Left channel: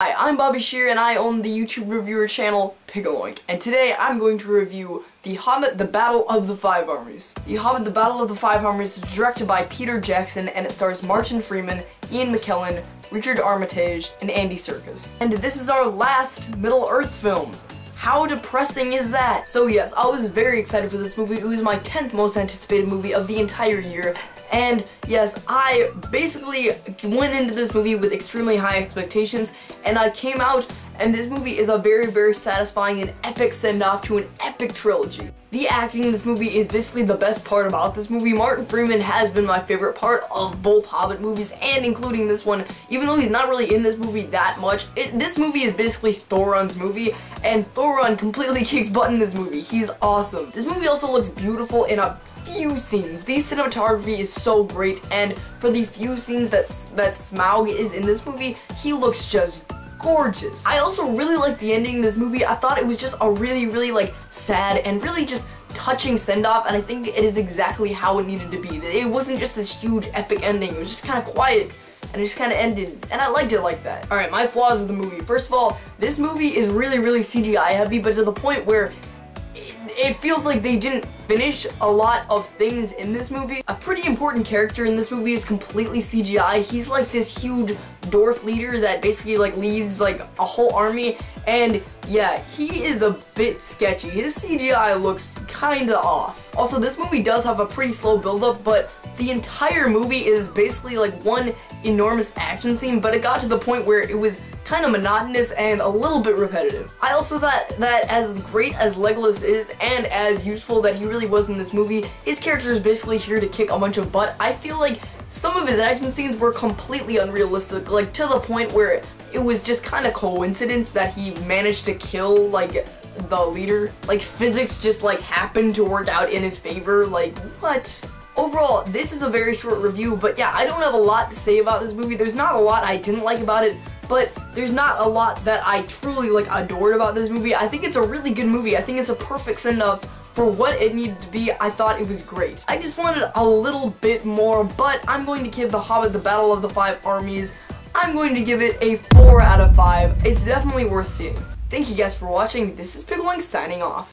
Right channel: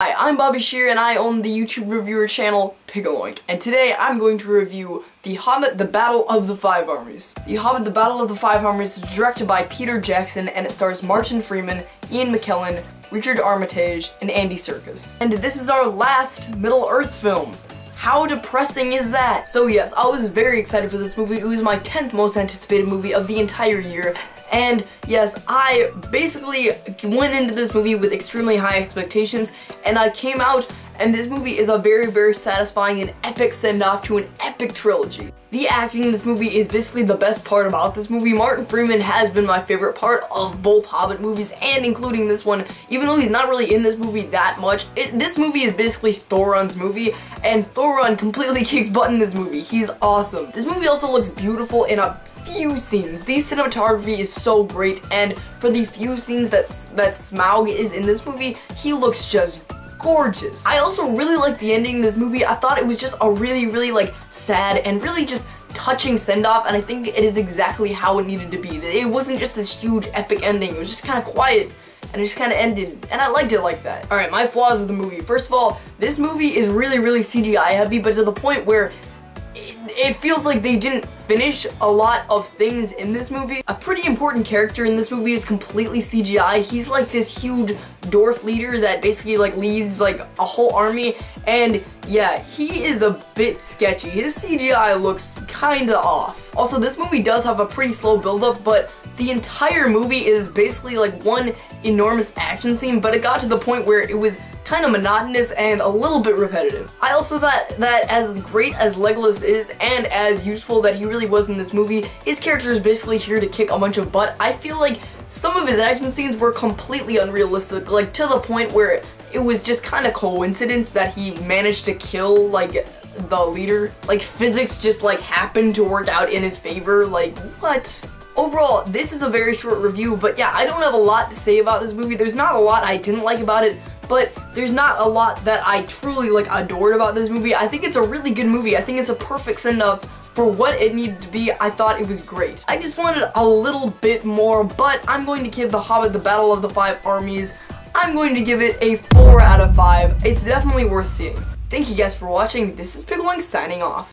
Hi, I'm Bobby Shear and I own the YouTube reviewer channel Pigaloink, and today I'm going to review The Hobbit, The Battle of the Five Armies. The Hobbit, The Battle of the Five Armies is directed by Peter Jackson and it stars Martin Freeman, Ian McKellen, Richard Armitage, and Andy Serkis. And this is our last Middle-earth film. How depressing is that? So yes, I was very excited for this movie. It was my 10th most anticipated movie of the entire year. And yes, I basically went into this movie with extremely high expectations, and I came out, and this movie is a very, very satisfying and epic send-off to an epic trilogy. The acting in this movie is basically the best part about this movie. Martin Freeman has been my favorite part of both Hobbit movies, and including this one, even though he's not really in this movie that much. This movie is basically Thoron's movie, and Thoron completely kicks butt in this movie. He's awesome. This movie also looks beautiful in a few scenes. The cinematography is so great, and for the few scenes that Smaug is in this movie, he looks just gorgeous. I also really like the ending of this movie. I thought it was just a really like sad and really just touching send-off, and I think it is exactly how it needed to be. It wasn't just this huge epic ending. It was just kind of quiet and it just kind of ended, and I liked it like that. Alright, my flaws of the movie. First of all, this movie is really CGI heavy, but to the point where it feels like they didn't finish a lot of things in this movie. A pretty important character in this movie is completely CGI. He's like this huge dwarf leader that basically like leads like a whole army, and yeah, he is a bit sketchy. His CGI looks kinda off. Also, this movie does have a pretty slow build-up, but the entire movie is basically like one enormous action scene, but it got to the point where it was kind of monotonous and a little bit repetitive. I also thought that as great as Legolas is and as useful that he really was in this movie, his character is basically here to kick a bunch of butt. I feel like some of his action scenes were completely unrealistic, like to the point where it was just kind of coincidence that he managed to kill like the leader. Like physics just like happened to work out in his favor, like what? Overall, this is a very short review, but yeah, I don't have a lot to say about this movie. There's not a lot I didn't like about it, but there's not a lot that I truly like adored about this movie. I think it's a really good movie. I think it's a perfect send-off for what it needed to be. I thought it was great. I just wanted a little bit more, but I'm going to give The Hobbit, The Battle of the Five Armies, I'm going to give it a 4 out of 5. It's definitely worth seeing. Thank you guys for watching. This is Pigaloink signing off.